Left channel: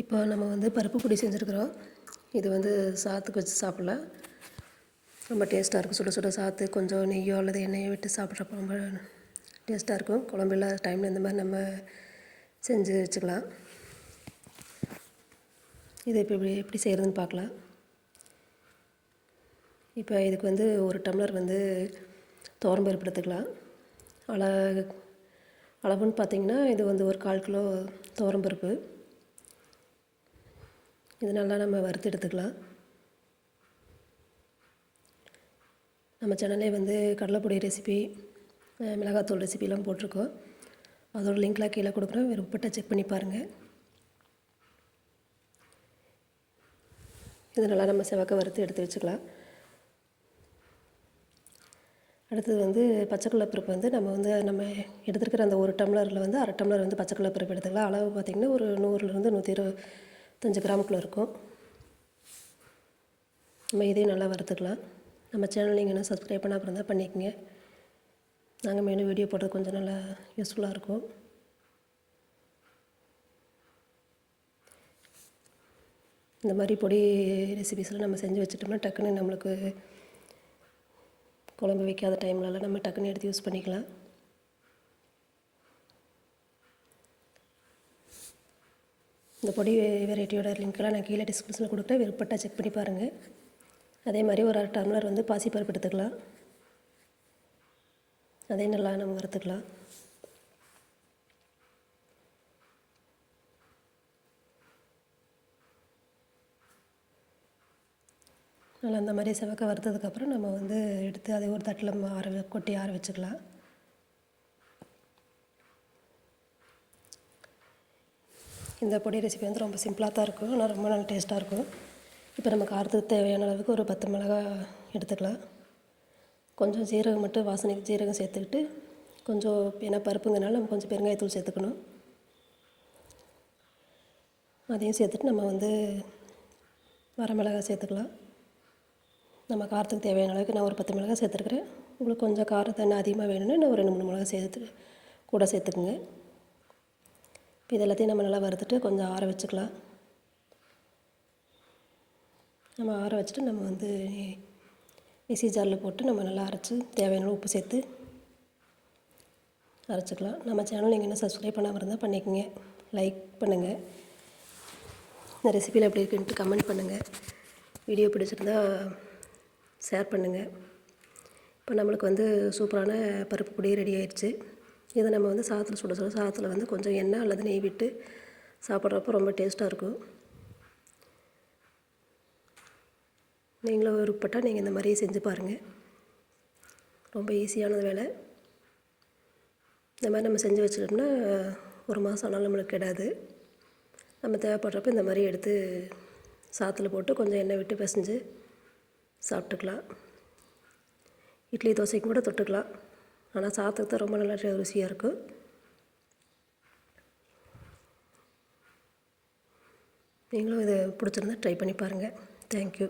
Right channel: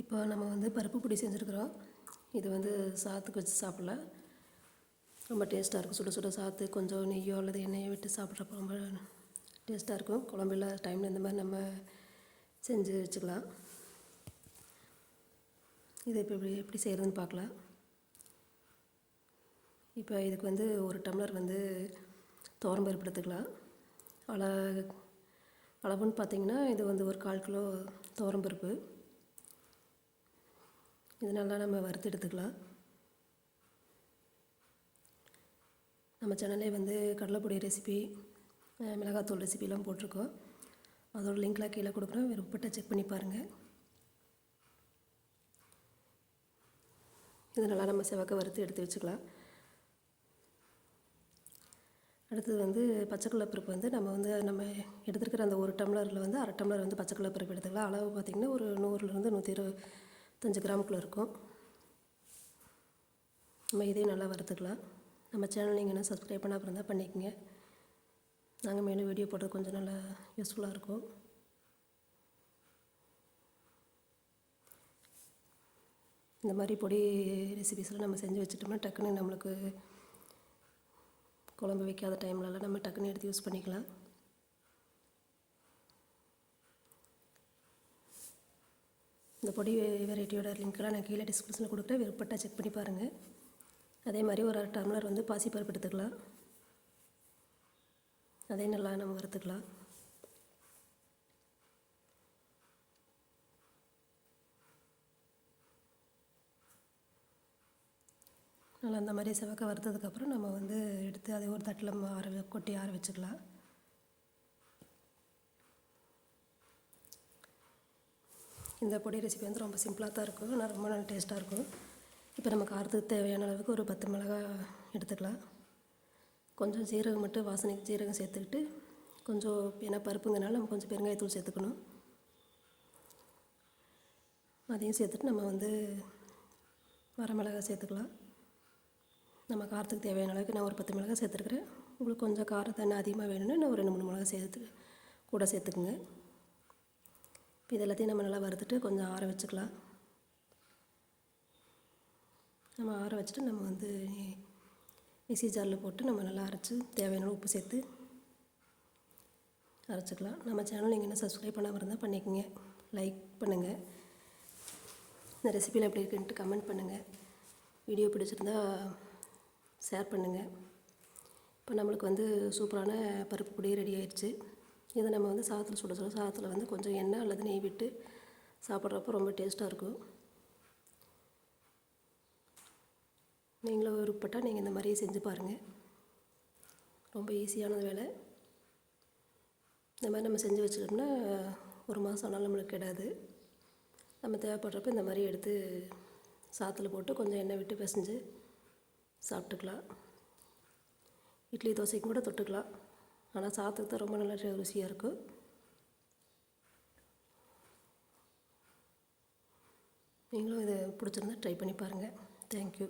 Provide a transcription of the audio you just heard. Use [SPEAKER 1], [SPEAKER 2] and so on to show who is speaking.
[SPEAKER 1] இப்போ நம்ம வந்து பருப்பு பொடி செஞ்சுருக்குறோம். இது வந்து சாத்துக்கு வச்சு சாப்பிட்லாம். ரொம்ப டேஸ்ட்டாக இருக்கும். சுட சுட சாத்து கொஞ்சம் நெய்யோ அல்லது எண்ணெயோ விட்டு சாப்பிட்றப்ப ரொம்ப டேஸ்ட்டாக இருக்கும். குழம்பு இல்லாத டைமில் இந்த மாதிரி நம்ம செஞ்சு வச்சுக்கலாம். இது இப்போ இப்படி எப்படி செய்கிறதுன்னு பார்க்கலாம். இப்போ இதுக்கு வந்து ஒரு டம்ளர் வந்து துவரம்பருப்பு எடுத்துக்கலாம். அள அளவுன்னு பார்த்தீங்கன்னா இது வந்து ஒரு கால் கிலோ துவரம்பருப்பு இது நல்லா நம்ம வறுத்து எடுத்துக்கலாம். நம்ம சேனல்லே வந்து கடலைப்பொடி ரெசிபி மிளகாத்தூள் ரெசிபிலாம் போட்டிருக்கோம். அதோட லிங்க்லாம் கீழே கொடுக்குறோம். விருப்பப்பட்ட செக் பண்ணி பாருங்கள் இது நல்லா நம்ம செவக்க வறுத்து எடுத்து வச்சுக்கலாம். அடுத்தது வந்து பச்சைக்கடலை பருப்பு வந்து நம்ம வந்து நம்ம எடுத்துருக்கிற அந்த ஒரு டம்ளரில் வந்து அரை டம்ளர் வந்து பச்சைக்கடலை பருப்பு எடுத்துக்கலாம். அளவு பார்த்திங்கன்னா ஒரு நூறுலேருந்து நூற்றி இருபத்தஞ்சு கிராமுக்குள்ளே இருக்கும். நம்ம இதையும் நல்லா வறுத்துக்கலாம். நம்ம சேனல் நீங்கள் என்ன சப்ஸ்கிரைப் பண்ணால் இருந்தால் பண்ணிக்கங்க. நாங்கள் மேலும் வீடியோ போடுறது கொஞ்சம் நல்லா யூஸ்ஃபுல்லாக இருக்கும். இந்த மாதிரி பொடி ரெசிபிஸ்லாம் நம்ம செஞ்சு வச்சுட்டோம்னா டக்குன்னு நம்மளுக்கு குழம்பு வைக்காத டைம்லலாம் நம்ம டக்குன்னு எடுத்து யூஸ் பண்ணிக்கலாம். இந்த பொடி வெரைட்டியோட லிங்க்கெல்லாம் நான் கீழே டிஸ்கிரிப்ஷனில் கொடுக்குறேன். விருப்பப்பட்டா செக் பண்ணி பாருங்கள் அதே மாதிரி ஒரு அரை டம்ளர் வந்து பாசிப்பருப்பு எடுத்துக்கலாம். அதையும் நல்லா நம்ம வறுத்துக்கலாம். நல்லா அந்த மாதிரி செவக்க வறுத்ததுக்கப்புறம் நம்ம வந்து எடுத்து அதை ஒரு தட்டில் ஆற வ- கொட்டி ஆற வச்சுக்கலாம். இந்த பொடி ரெசிபி வந்து ரொம்ப சிம்பிளாக தான் இருக்கும். ஆனால் ரொம்ப நல்ல டேஸ்ட்டாக இருக்கும். இப்போ நம்ம காரத்துக்கு தேவையான அளவுக்கு ஒரு பத்து மிளகா எடுத்துக்கலாம். கொஞ்சம் ஜீரகம் மட்டும் வாசனைக்கு ஜீரகம் சேர்த்துக்கிட்டு கொஞ்சம் ஏன்னா பருப்புங்கனால நம்ம கொஞ்சம் பெருங்காயத்தூள் சேர்த்துக்கணும். அதையும் சேர்த்துட்டு நம்ம வந்து வரமிளகாய் சேர்த்துக்கலாம். நம்ம காரத்துக்கு தேவையான அளவுக்கு நான் ஒரு பத்து மிளகாய் சேர்த்துருக்குறேன். உங்களுக்கு கொஞ்சம் காரம் தண்ணி அதிகமாக வேணும்னா இன்னும் ஒரு ரெண்டு மூணு மிளகாய் சேர்த்து கூட சேர்த்துக்குங்க. இது எல்லாத்தையும் நம்ம நல்லா வறுத்துட்டு கொஞ்சம் ஆற வச்சுக்கலாம். நம்ம ஆற வச்சுட்டு நம்ம வந்து மிக்சி ஜாரில் போட்டு நம்ம நல்லா அரைச்சி தேவையான உப்பு சேர்த்து அரைச்சிக்கலாம். நம்ம சேனல் நீங்கள் என்ன சப்ஸ்கிரைப் பண்ணாமல் இருந்தால் பண்ணிக்கோங்க. லைக் பண்ணுங்கள் இந்த ரெசிபியில் எப்படி இருக்குன்ட்டு கமெண்ட் பண்ணுங்கள் வீடியோ பிடிச்சிருந்தா ஷேர் பண்ணுங்கள் இப்போ நம்மளுக்கு வந்து சூப்பரான பருப்பு பொடி ரெடி ஆயிடுச்சு. இதை நம்ம வந்து சாதத்தில் சுட சுட சாதத்தில் வந்து கொஞ்சம் எண்ணெய் அல்லது நெய் விட்டு சாப்பிட்றப்ப ரொம்ப டேஸ்ட்டாக இருக்கும். நீங்களும் விருப்பப்பட்டால் நீங்கள் இந்த மாதிரியே செஞ்சு பாருங்கள் ரொம்ப ஈஸியான வேலை. இந்த மாதிரி நம்ம செஞ்சு வச்சுட்டோம்னா ஒரு மாதம் ஆனாலும் நம்மளுக்கு கெடாது. நம்ம தேவைப்படுறப்ப இந்த மாதிரி எடுத்து சாத்தில் போட்டு கொஞ்சம் எண்ணெய் விட்டு பிசைஞ்சு சாப்பிட்டுக்கலாம். இட்லி தோசைக்கும் கூட தொட்டுக்கலாம். ஆனால் சாதத்துக்கு தான் ரொம்ப நல்லா ருசியாக இருக்கும் நீங்களும் இதை பிடிச்சிருந்தா ட்ரை பண்ணி பாருங்கள் தேங்க்யூ